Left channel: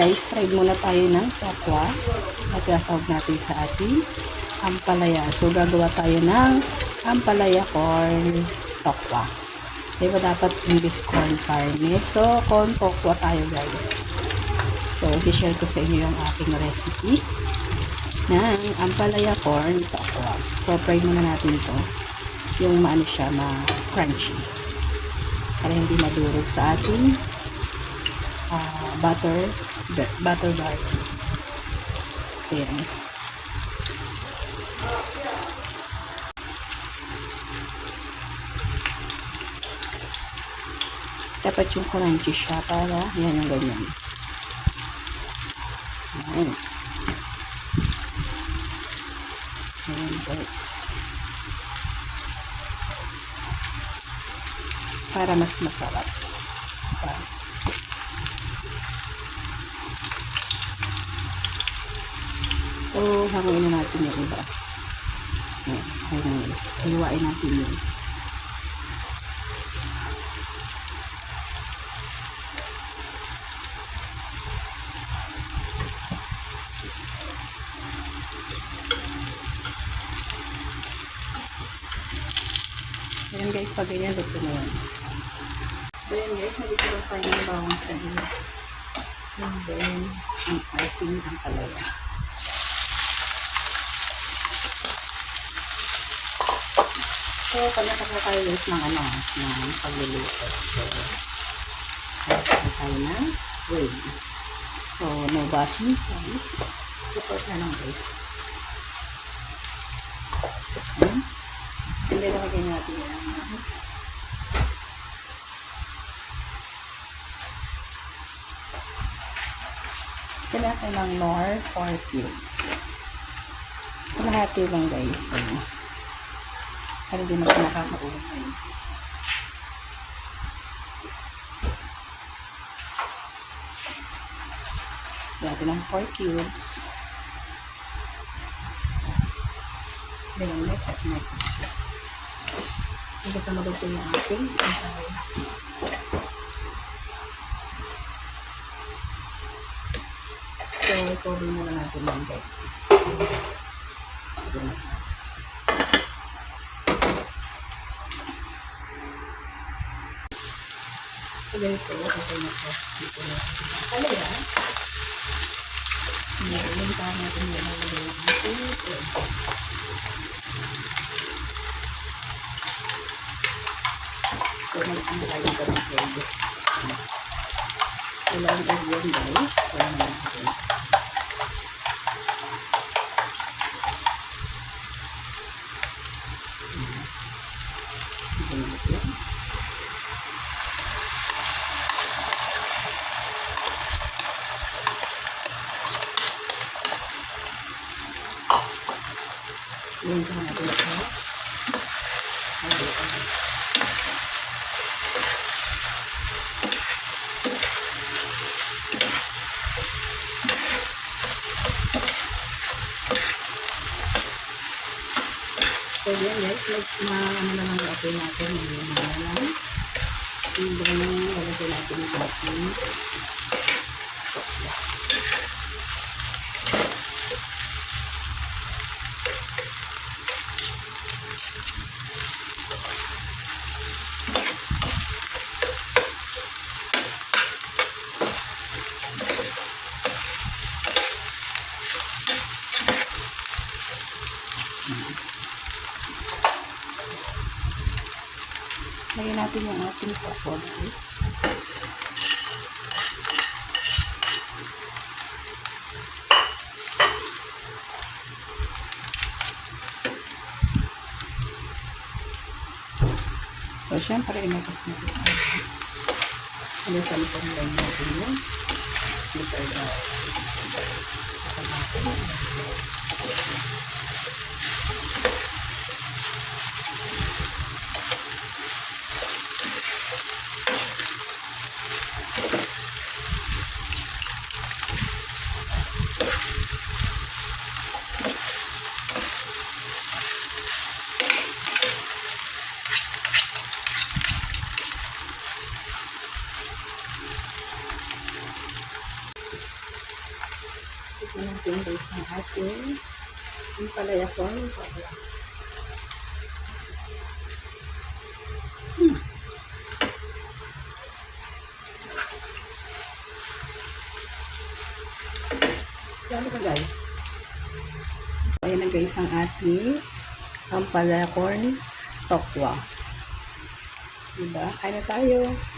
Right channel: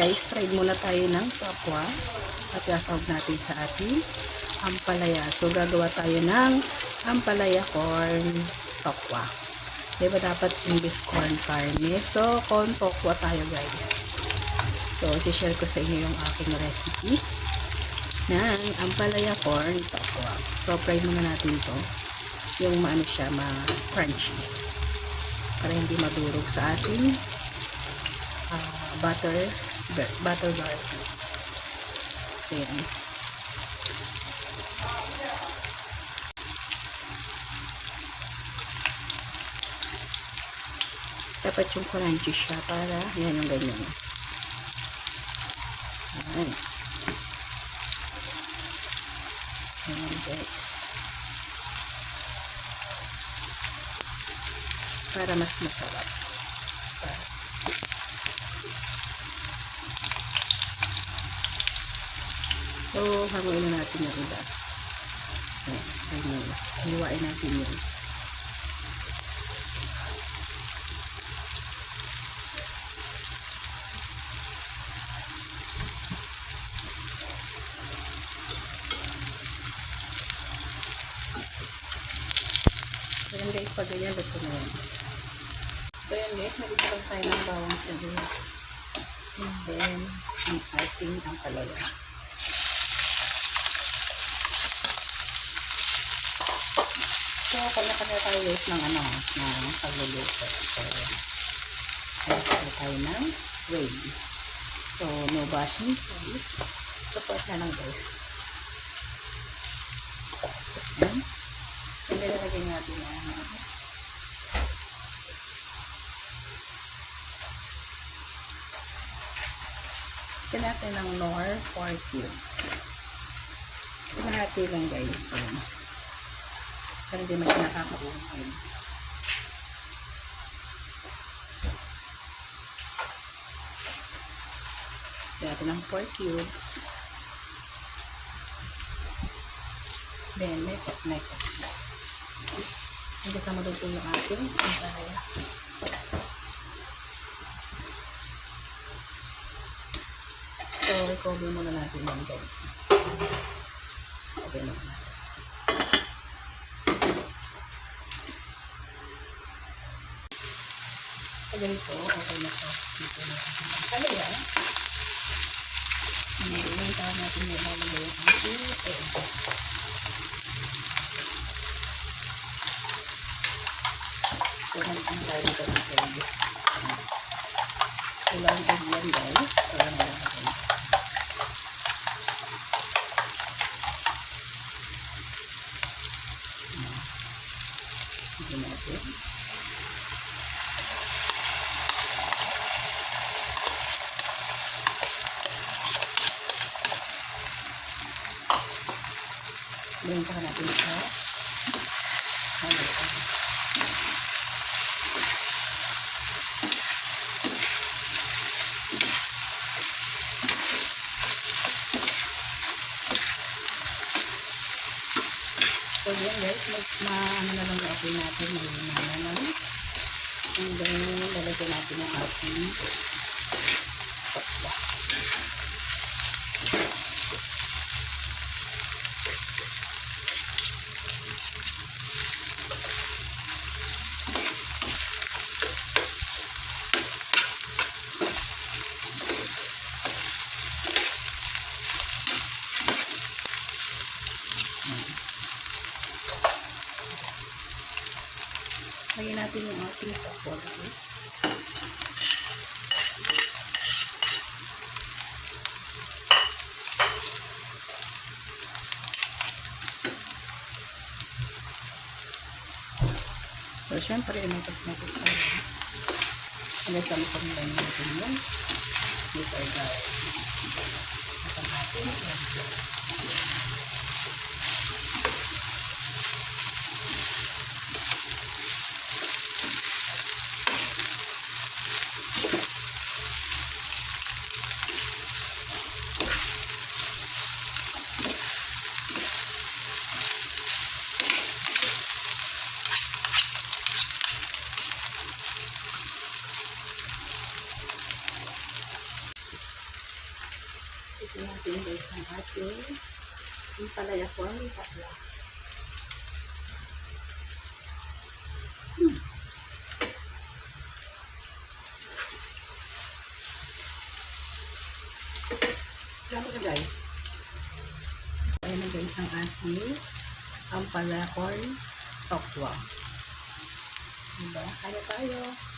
guys, try muna tayo ng tokwa at sasawag natin sa ating ampalaya. So gagawa tayo ng ampalaya corn tokwa. Diba dapat English corn farming? So corn tokwa tayo guys. So i-share ko sa inyo yung aking recipe ng ampalaya corn tokwa. So try muna natin to yung maano siya, ma-crunchy para hindi madurog sa ating butter garlic. So yan. Dapat yung crunchy siya para yan yung ganyan. Ayan. Ayan guys. Para mas masarap. So, haruin na natin yung iba. Ayan. Hinuwain natin yun. Ayan guys, pag ganyan, ito na lang. So yun guys, nag-isarap tayo ng bawang sibuyas. And then, ang ating ampalaya. So, kanya-kanya tayo guys ng ng pagluluto. So, kanya tayo ng way. So, no bashing guys. Support na lang guys. Ayan. And then, lagyan natin yan. Lagyan natin ng more 4 cubes. Kalahati lang guys. Para din ako nakakaumay. Lagyan ng 4 cubes. Then, mekos. Hanggang sa maluto yung ating ampalaya. So, i-cover muna natin yan guys. So, ganito, okay na ito. Dito na ating ampalaya. Yung tawag natin yung ating so, ang tayo ito ng egg. Walang egg yan guys. Walang natin. Ito natin. Ngayon ka natin ito. So yan guys, ano na lang natin lang. And then, lalagyan natin ang ating tokwa. Lagyan natin ang ating tokwa guys. So, syempre, mekos-mekos pa rin. Hanggang sa lipang lang natin yun. Ito ay dahil. Saka natin. Ito natin guys ang ating ampalaya corn tokwa. Dami ka guys. Ayan na guys ang ating ampalaya corn tokwa. Diba? Kaya na tayo.